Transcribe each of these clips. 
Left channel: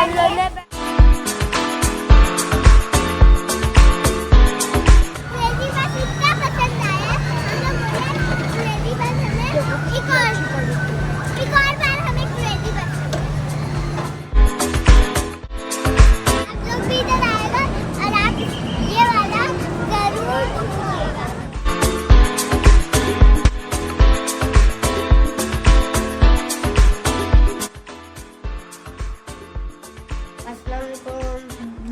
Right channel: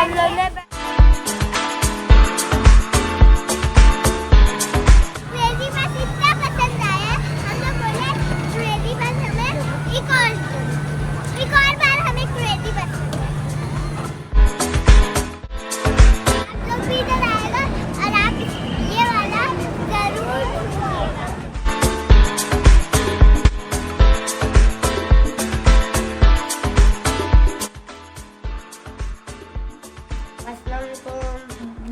हम लोग ने क्रेजी बस इतना पसंद आया, हम लोग बोले क्रेजी बस हमें एक और बार हमें क्रेजी बस आप लोग भी इधर आएगा और आप ये वाला जरूर ढूंढिएगा। अस्सलाम वालेकुम,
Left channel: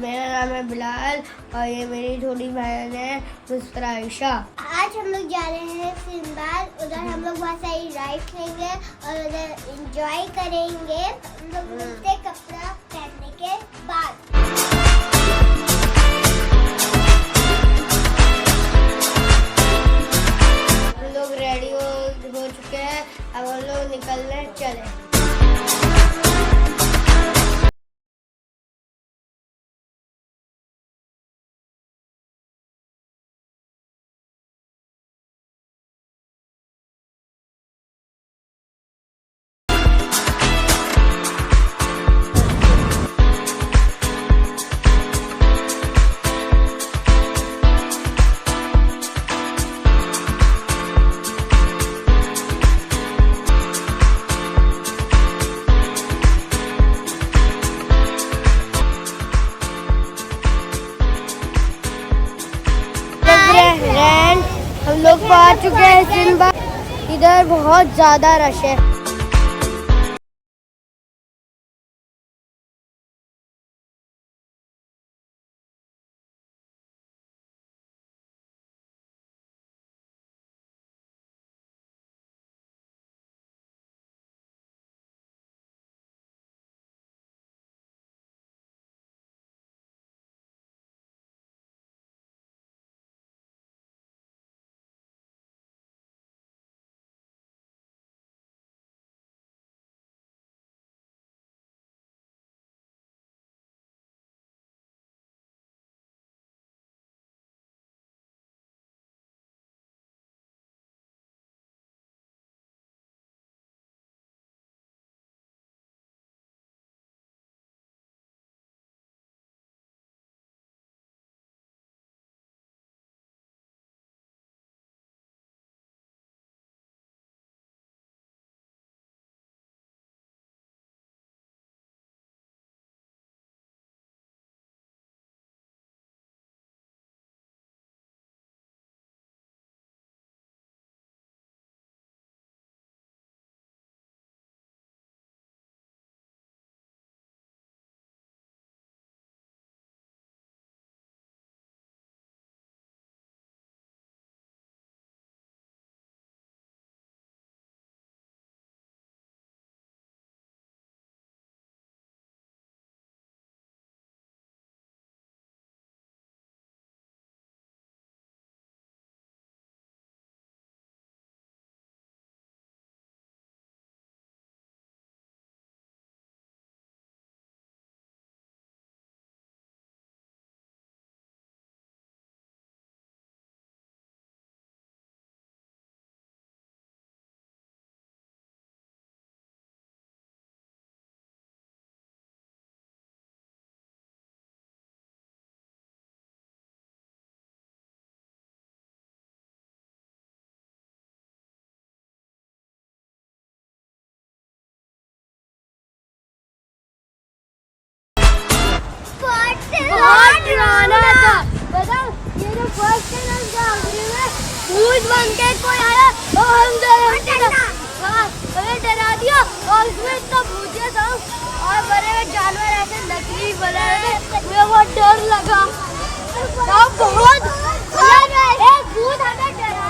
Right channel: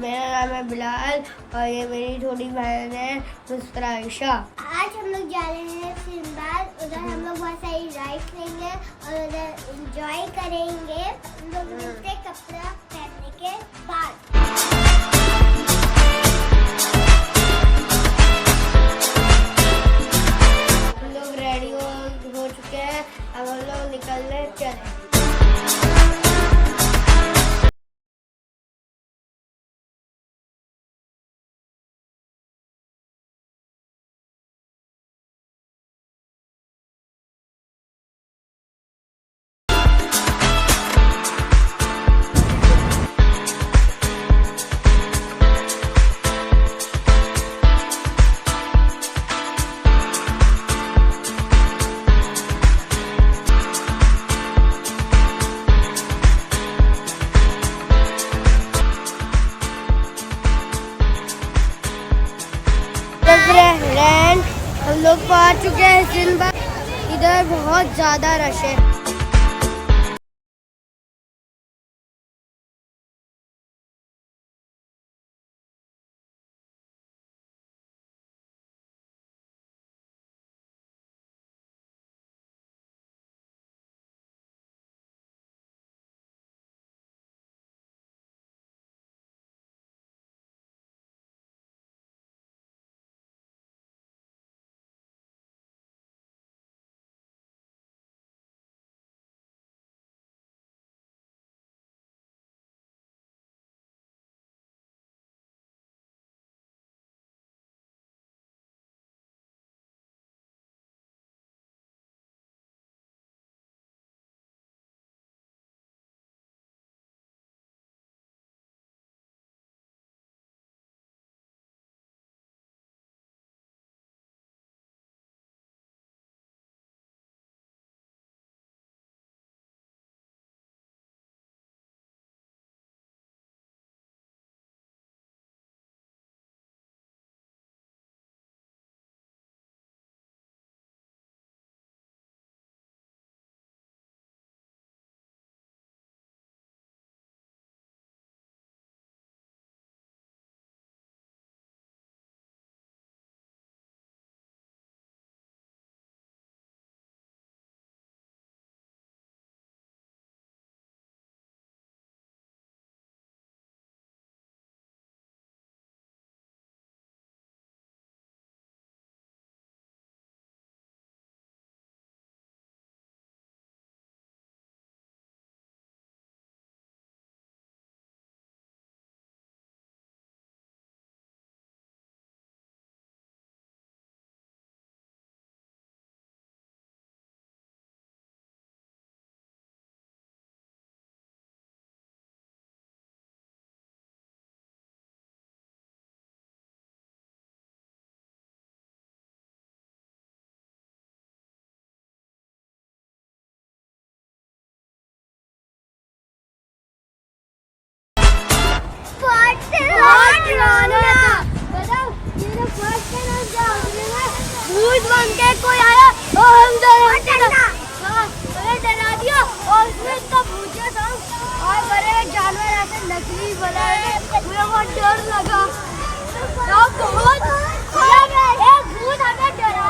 मेरा नाम है बिलाल और ये मेरी छोटी बहन है मुस्कुरा आयशा। आज हम लोग जा रहे हैं सिंबाद, उधर हम लोग बहुत सारी राइड्स लेंगे और उधर एंजॉय करेंगे। हम लोग मिलते कपड़ा पहनने के बाद। हम लोग रेडी हो चुके हैं, अब हम लोग निकलने चले। हम लोग पहुंच चुके हैं सिंबाद, इधर बहुत ज्यादा रश है। भूत बन के कोई आया और हमें डरा दिया और उसमें इतना भूतिया था और बड़े बड़े जानवर ऐसे नकली बना रहे, मुझे बहुत डर लगा। बहुत एक भूत हमें डरा।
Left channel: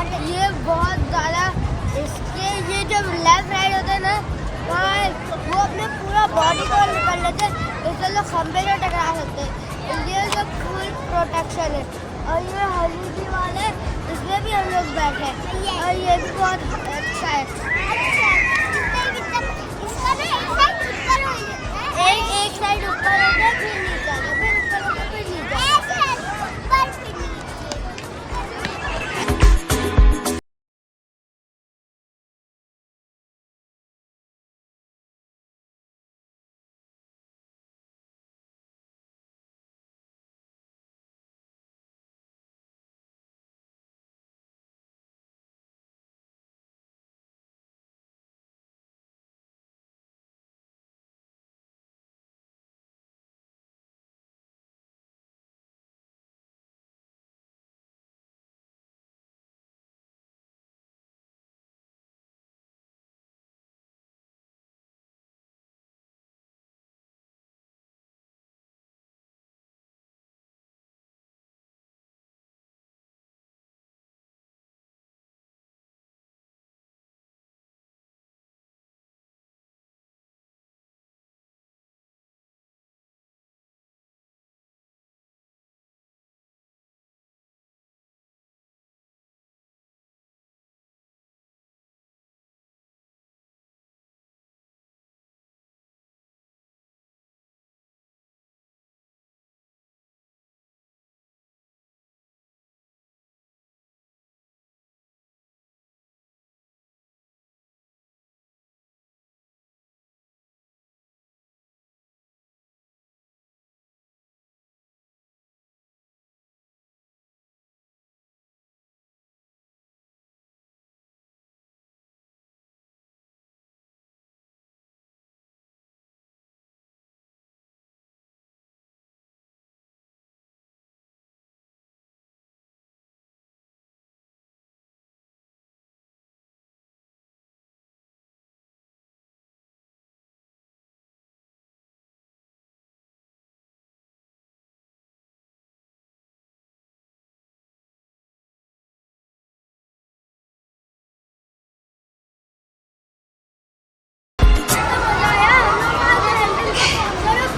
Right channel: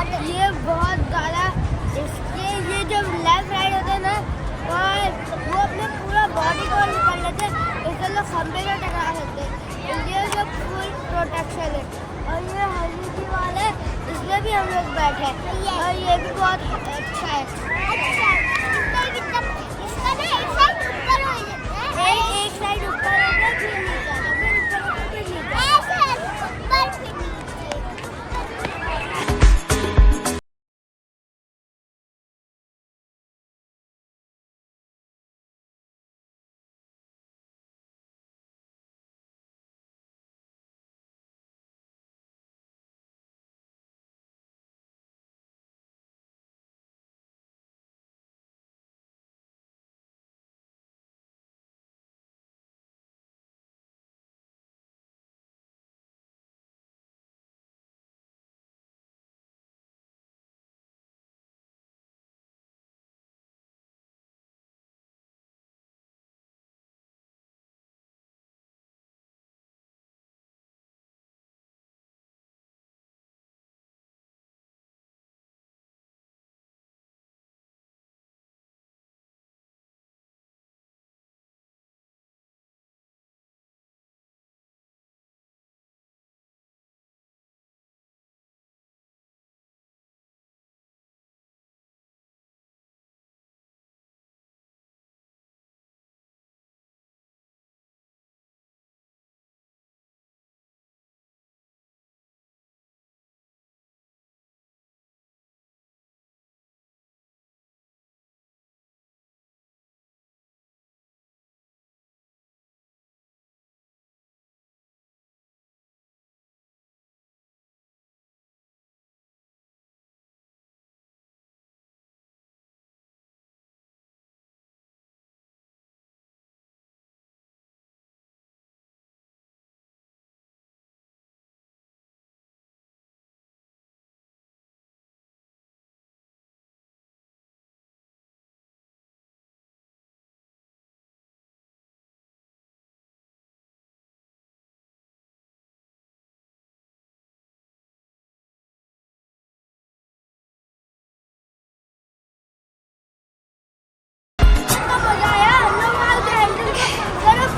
ये बहुत ज़्यादा इसके ये जब लेफ्ट राइट होते हैं ना वहाँ वो अपने पूरा बॉडी को निकल लेते हैं, इससे लोग खंबे से टकरा सकते हैं। ये जो फुल प्रोटेक्शन है। और ये हल्दी वाला है, इसमें भी हम लोग बैठे हैं और ये भी बहुत अच्छा है। अच्छा इसका ना एक साइड ऊपर हो जाता है, एक साइड ऊपर हो गया फिर नीचे आता, फिर ऊपर होता फिर नीचे ऐसे ऊपर फिर नीचे।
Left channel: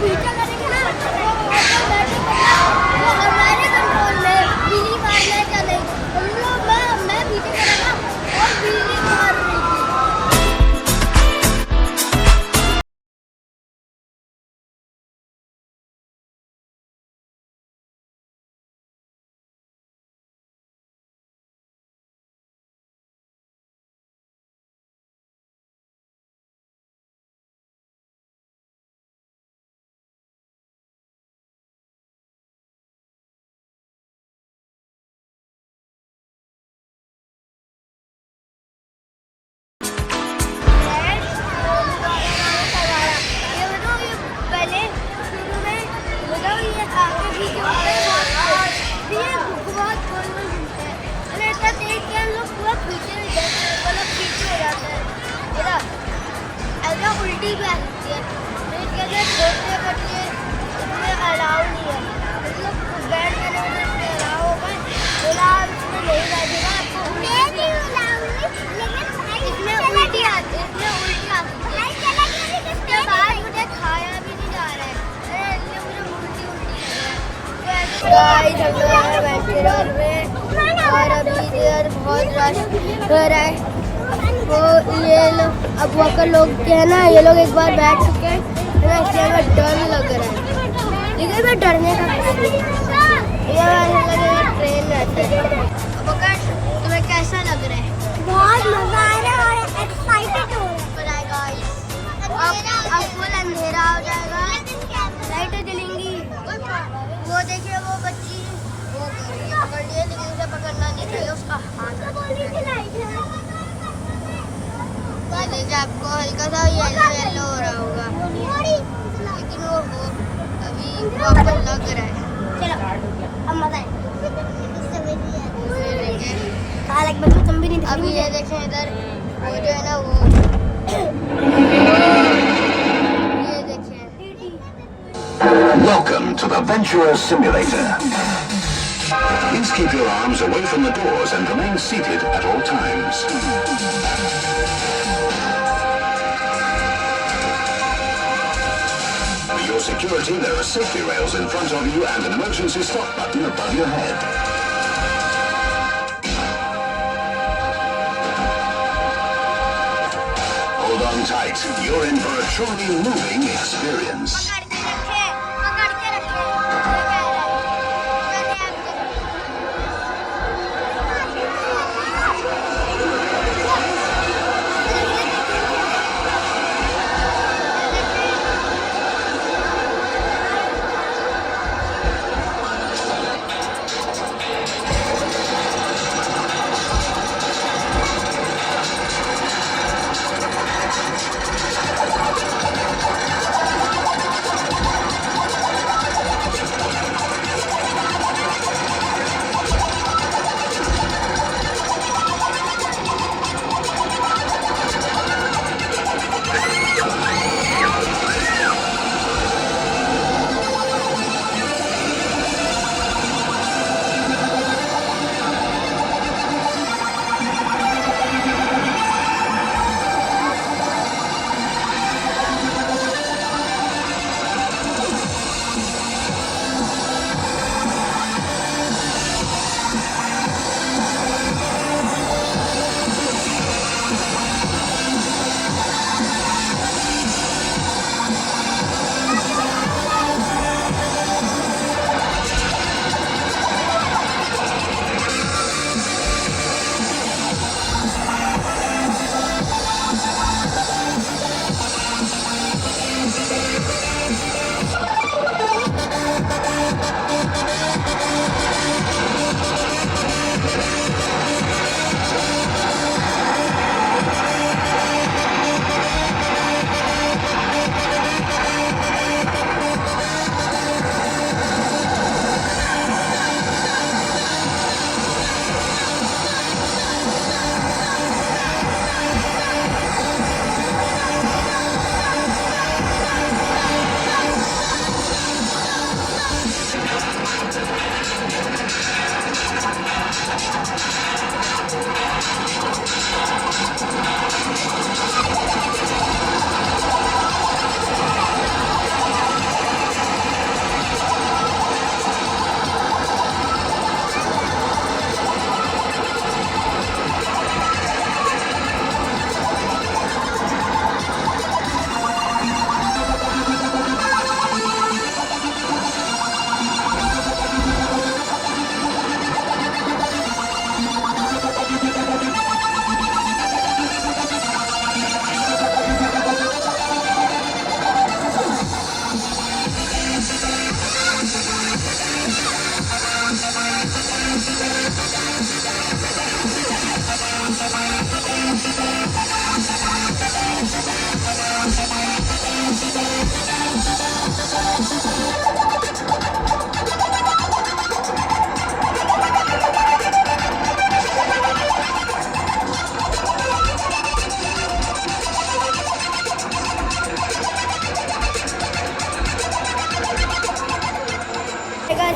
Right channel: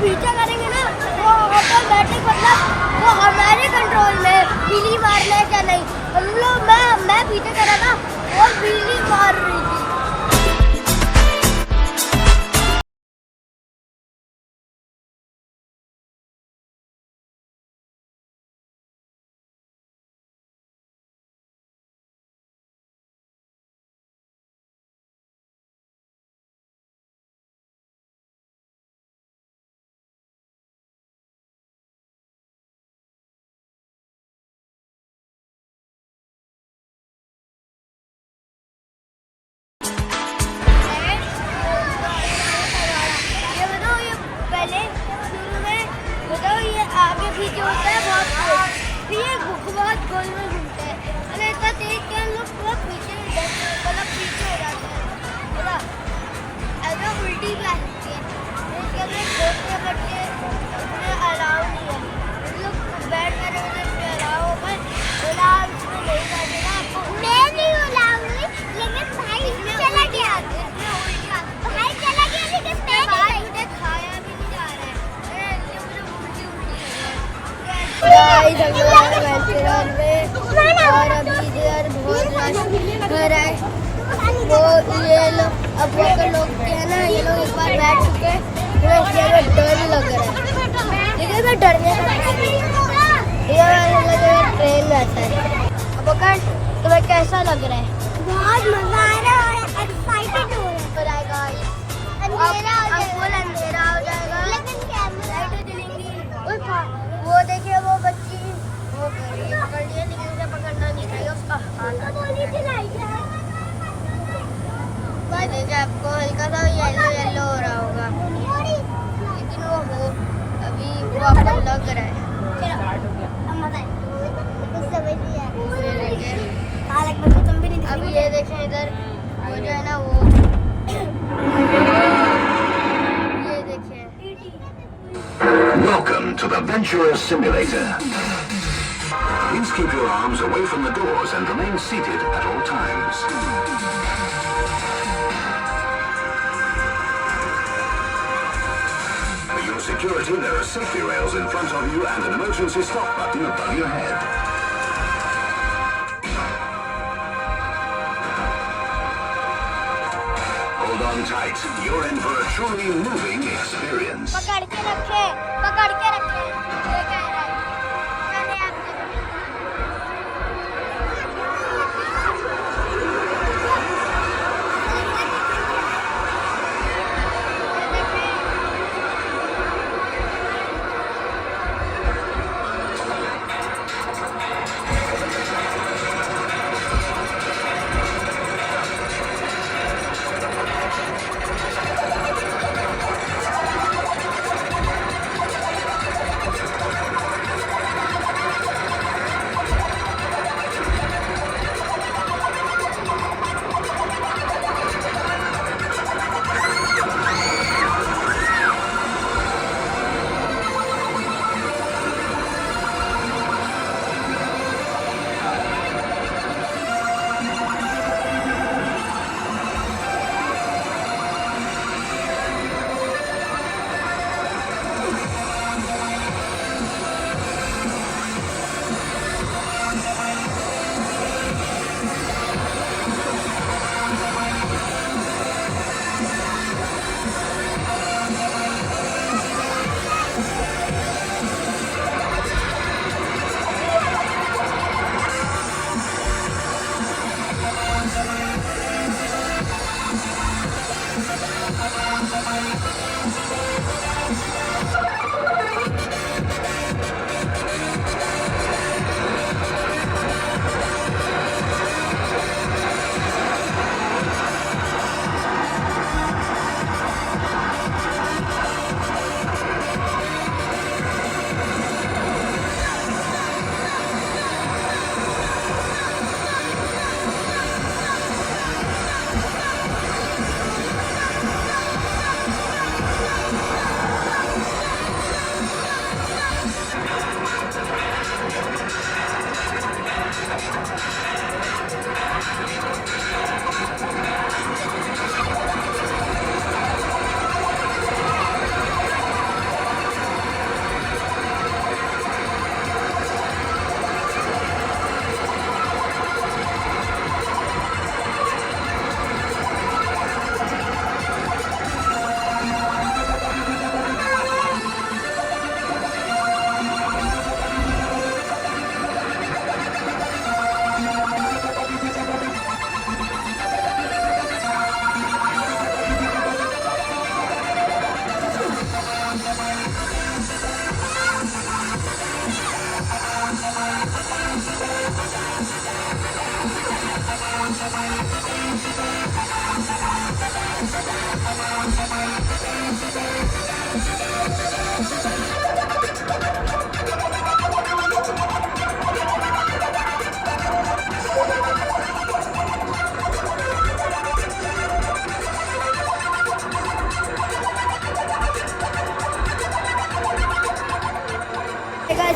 पीछा करेंगे ना वो ऑटोमेटिक मतलब वो हमारे कंट्रोल में बिजली मारना है क्या नहीं। हम लोग मैं पीछे करा था और बिजली मार रही थी। आगे पीछे होता है बहुत तेज, फिर ये बहुत गोल में घूमता है और ऐसा तेज कि हम लोग पूरा पीछे मतलब पीछे हो जाता है, है ऐसा उल्टी भी आ सकती है। तो इसके लिए छोटे बच्चे इसमें अलाउ नहीं है, मतलब बैठ करने में इसमें अलाउ होगा, फिलहाल इसमें नहीं बैठेगा आपको। मैं नहीं बुलाऊंगी लेकिन भाई इसमें उल्टी आती है, इसमें उल्टी आती है भाई चला गया लेकिन भाई मुझे खाया भी नहीं जा रहा है, गाइस हम लोग आए वेंचुरर में और अभी इधर बहुत रश हो रहा है। वो ये लोग अब वहाँ लोग क्या है ना, ये लोग एक बार बैठ चुके हैं तो इसलिए हमें डर लग रहा है, लेकिन मैं डरने का कुछ नहीं है। ये लग रहा है ट्रेन रहता है। अब तुम्हें कैसा लग रहा है? बहुत मजा आ रहा है और एक्साइटेड हो रहा है गाइस। अब फुल अंधेरा हो जाएगा, लाइटें जलेंगी। वो देखिए वो बच्ची वो कर रही है, पकड़ लिया लेकिन उसे पकड़ना नहीं चाहिए, उसका हाथ आ जाता है। ये देखिए आपको हल्का सा येलो येलो हो रहा होगा, लेकिन वो हो अभी वो आपको लग रहा है। अभी ये देखें इधर वो जो है ना वो ये देखें। Welcome to the Venturer Simulator. Please keep your arms away from the doors and remain seated at all times. For your security, there are safety rails in front of you and an emergency stop button above your head. Hold on tight. You're in for a truly moving experience. पकड़ के रखे, पकड़ के रखे। ये कह रहा है। मैंने आपके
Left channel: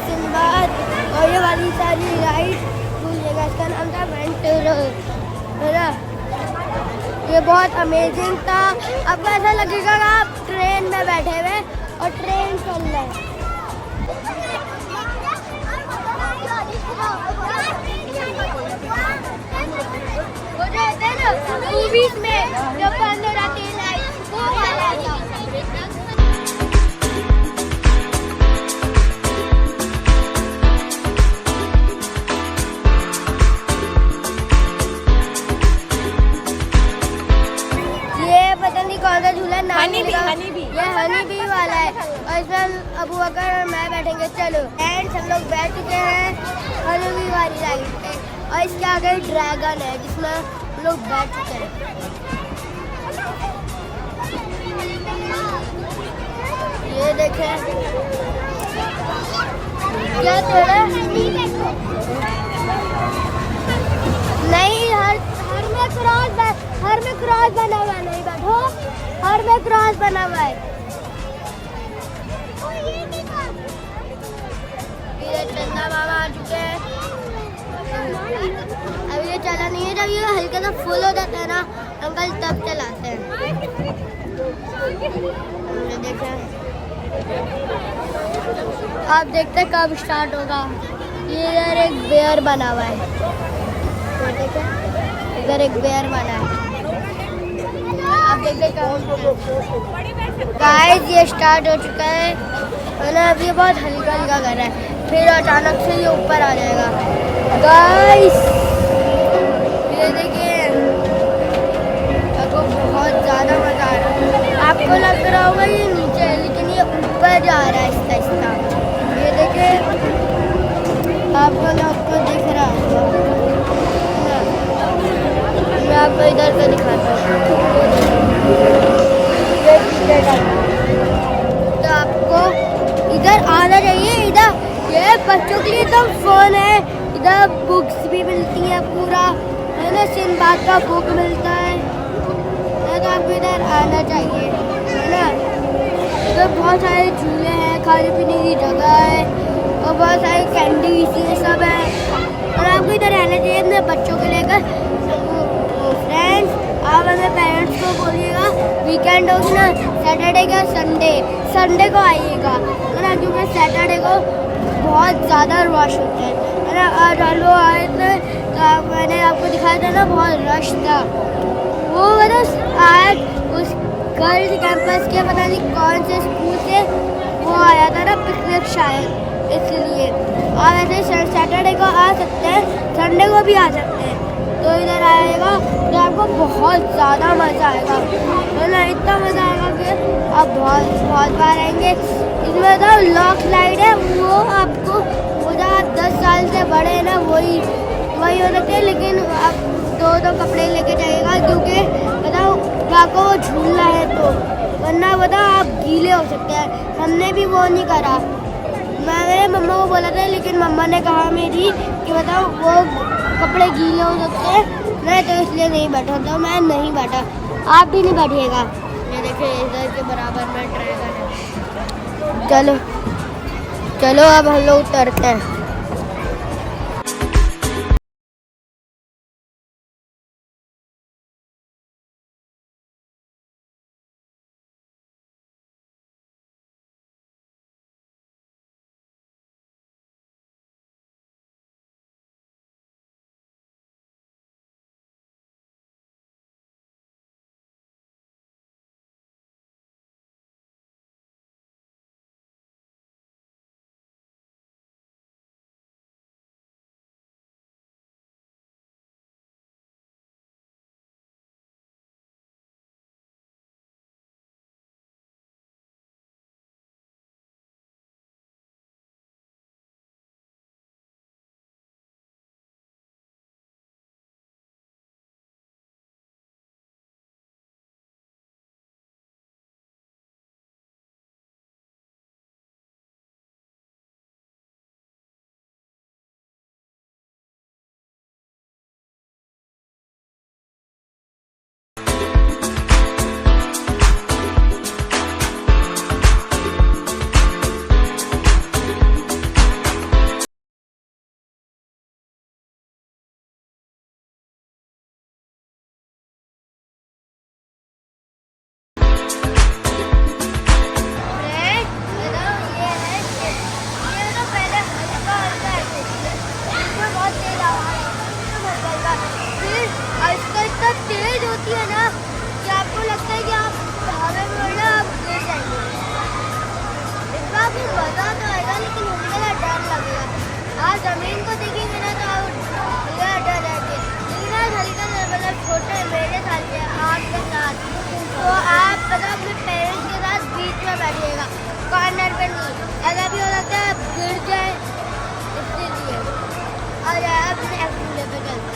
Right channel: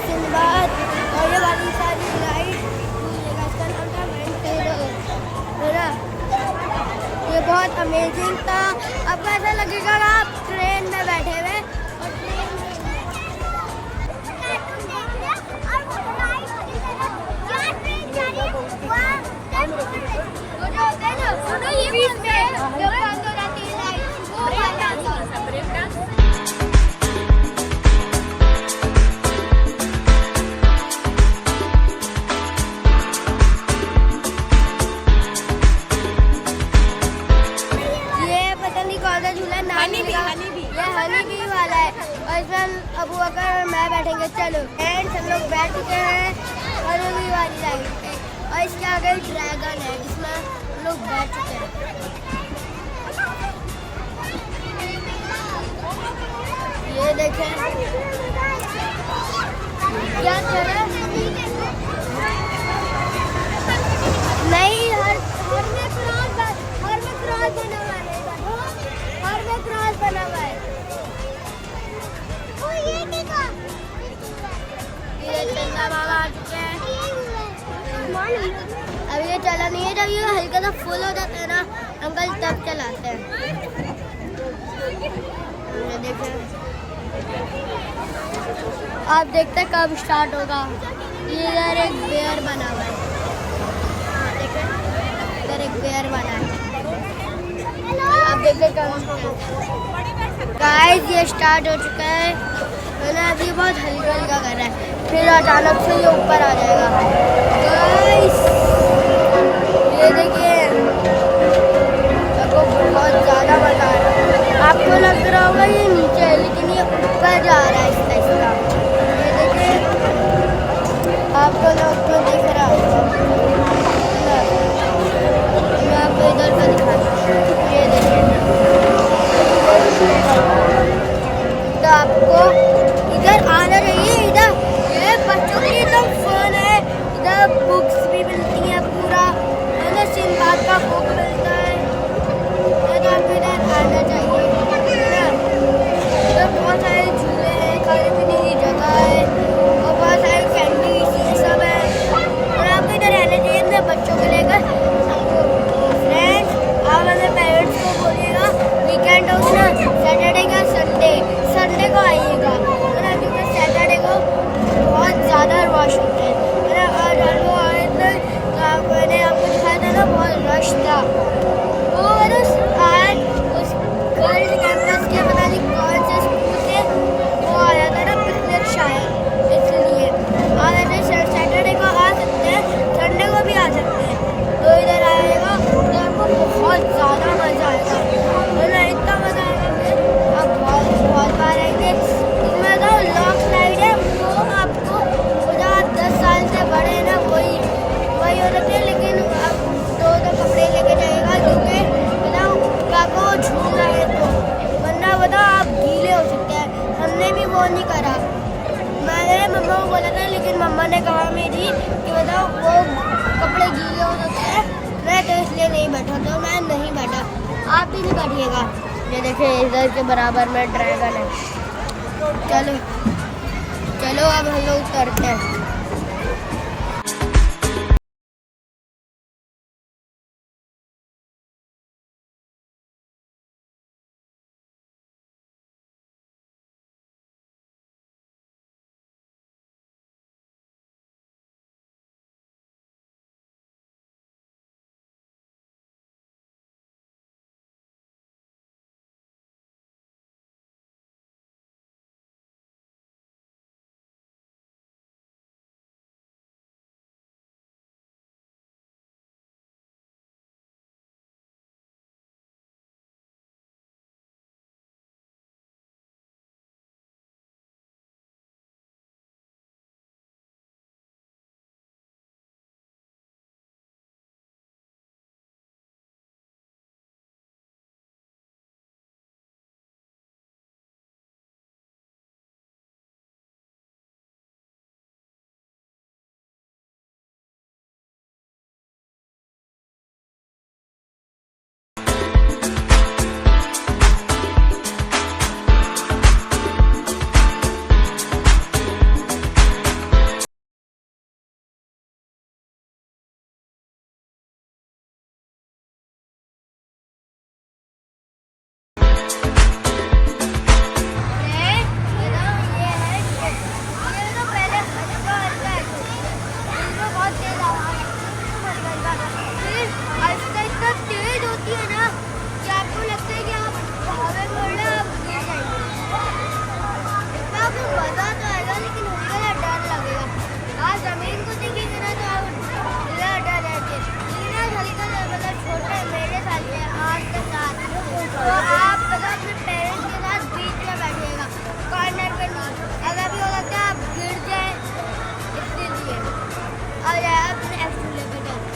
सिंबाद और ये वाली सारी राइड घूमने का नाम था वेंटूर, है ना। ये बहुत अमेजिंग था। आपको ऐसा लगेगा कि आप ट्रेन में बैठे हुए और ट्रेन चल रहे हैं। झूला नाम नहीं लिखा, ये हनी बी वाला है और इसमें अबू बकर और मैं बैठेंगे। चलो एंड हम लोग बैठ चुके हैं हनी बी वाली राइड पे और इसके आगे ड्रैगन है जिसमें हम लोग बैठ चुके हैं। ये देखें क्या तेरा नहीं, हर में क्रॉस बना हुआ नहीं बाबू, हर में क्रॉस बना हुआ है। ये चंदा मामा आ चुके हैं अभी ये चला नहीं है, जब ये हल्का सा फुल हो जाता है ना अंकल तब चलाते हैं। ये देखें, आप देखते हैं कब स्टार्ट होगा। ये इधर एक बेयर बना हुआ है, तो देखें इधर एक बेयर बना है, आप देखते कब। गाइस ये स्टार्ट हो चुका है ना, अभी बहुत हल्का हल्का कर रहा है, फिर अचानक से ये ऊपर आ जाएगा। गाइस ये देखिए, आपको बहुत ज़्यादा मज़ा आ रहा है। आपको लग रहा होगा ये नीचे है, लेकिन ये ऊपर जा रहा है आहिस्ता आहिस्ता। ये देखिए, आपको लोग को दिख रहा होगा, मैं आपको इधर से दिखाता हूँ। ये देखिए, तो आपको इधर आना चाहिए। इधर ये बच्चों के लिए तो फोन है, इधर बुक्स भी मिलती हैं पूरा, है ना, सिंबाद का बुक मिलता है, तो आपको इधर आना चाहिए, है ना। इधर बहुत सारे झूले हैं, खाने पीने की जगह है और बहुत सारे कैंडीज ये सब है, और आपको इधर रहना चाहिए अपने बच्चों को लेकर। फ्रेंड्स, आप अपने पेरेंट्स को बोलिएगा वीकेंड होगी ना, सैटरडे का संडे को आइएगा, है ना, क्योंकि सैटरडे को बहुत ज़्यादा रश होता है ना। आज हम लोग आए थे तो मैंने आपको दिखाया था ना, बहुत रश था। वो मतलब आज उस गर्ल्स कैंपस के पता नहीं कौन से स्कूल से वो आया था ना पिकनिक शायद, इसलिए आप ऐसे सैटरडे को आ सकते हैं, संडे को भी आ सकते हैं। तो इधर आएगा तो आपको बहुत ज़्यादा मज़ा आएगा, मतलब इतना मज़ा आएगा कि आप बहुत बार आएंगे। इसमें तो लॉक लाइट है, वो आपको आप 10 साल से बड़े हैं ना, वही हो रहे थे, लेकिन आप दो कपड़े लेके जाइएगा, क्योंकि बताओ आपको वो झूलना है, तो वरना बताओ आप गीले हो सकते हैं। हमने भी वो नहीं करा, मैंने मम्मा को बोला था, लेकिन मम्मा ने कहा मेरी कि बताओ वो कपड़े गीले हो सकते हैं, मैं तो इसलिए नहीं बैठा, तो मैं नहीं बैठा। आप भी नहीं बैठिएगा। ये देखिए इधर के बराबर में ड्रैगन है। चलो अब हम लोग उतरते हैं। होती है ना कि आपको लगता है कि आप हवा में उड़ रहे, आप गिर जाएंगे। इतना भी मजा तो आएगा, लेकिन हल्का सा डर लगेगा। आज जमीन को देखेंगे ना तो हल्का डर रहेंगे, लेकिन आज हल्का सा मतलब छोटे मेरे साथ के आपके साथ, तो आप पता अपने पेरेंट्स के साथ बीच में बैठिएगा, कॉर्नर पे नहीं। ऐसा भी हो सकता है आप गिर जाए, इसलिए और आप एक्सीडेंट पे चलते हैं।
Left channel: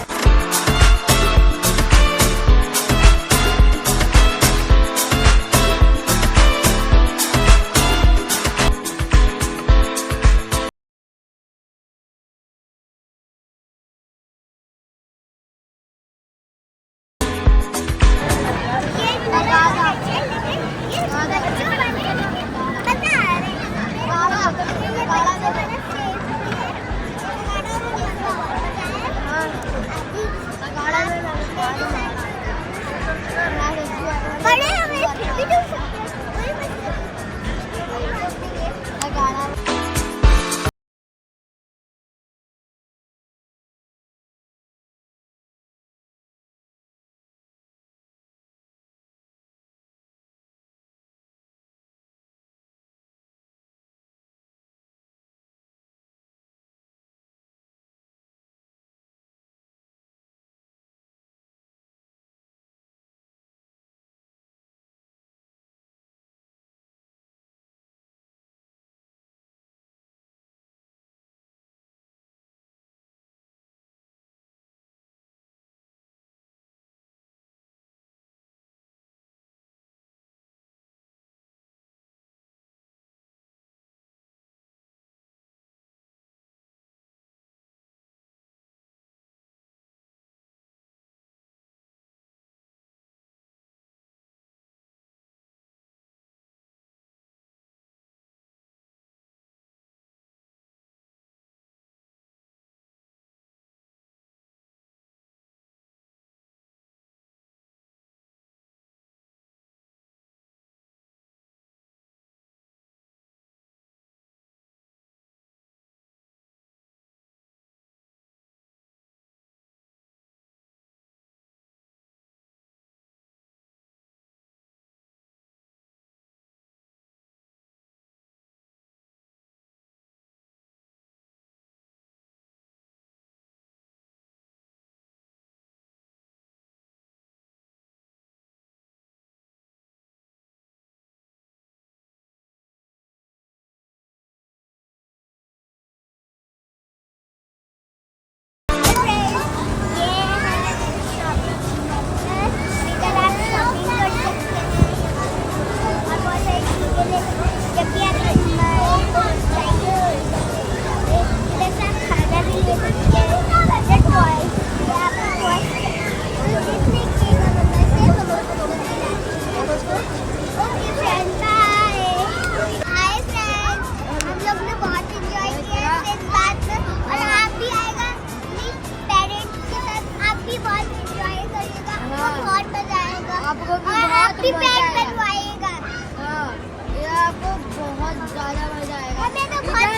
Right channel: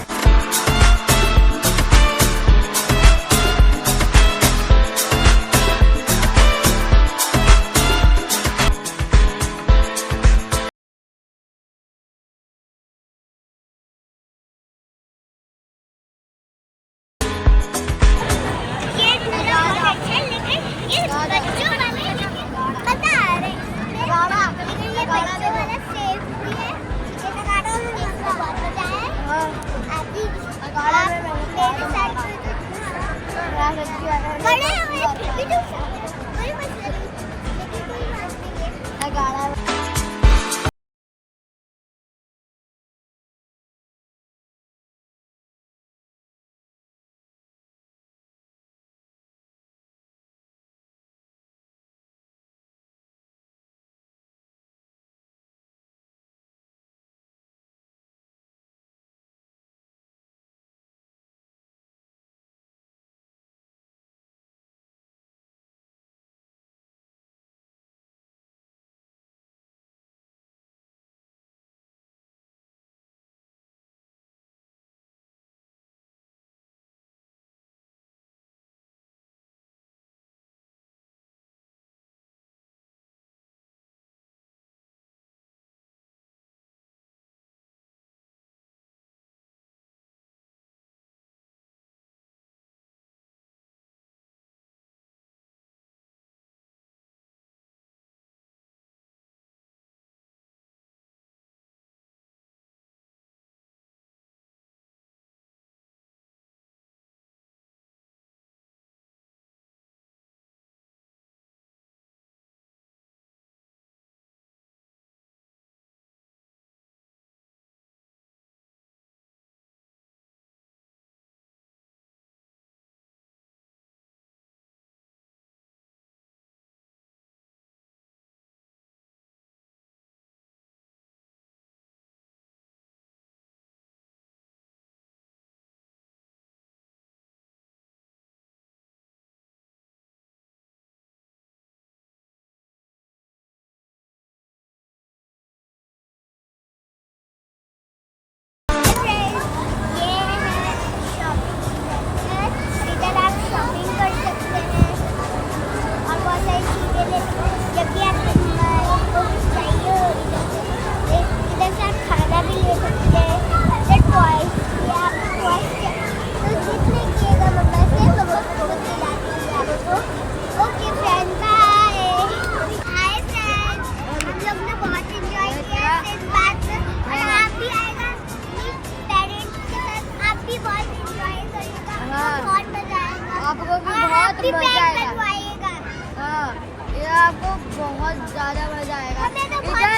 आपको भी बहुत मजा आएगा। हाँ, ये आपको बहुत ज्यादा मजा आएगा। इधर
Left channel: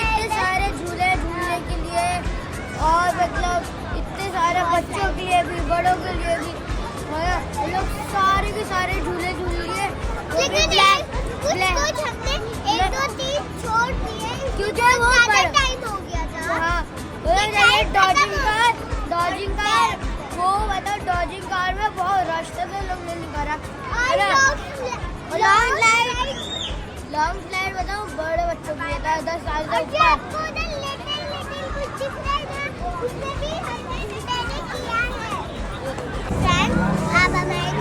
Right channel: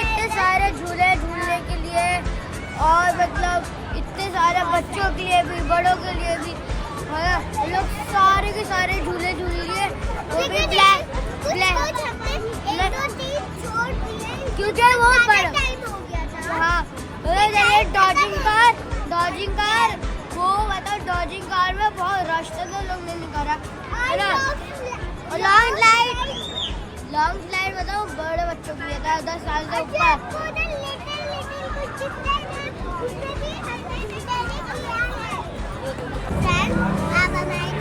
इतने सारे झूले झूलने के लिए, और मतलब इतने सारे बच्चों के लिए भी, बड़ों के लिए भी, हम लोग सारे के सारे झूले झूल लिए। वो भी ब्लैक क्योंकि वो टाइम हो गया था। हाँ, डॉजिंग कार वो बताओ, डॉजिंग कार में बहुत रश था तो लोग नहीं निकाला है ना। लॉन्ग स्लाइड बताओ बड़े बच्चों के लिए था, 10 साल से ऊपर। आप हमारे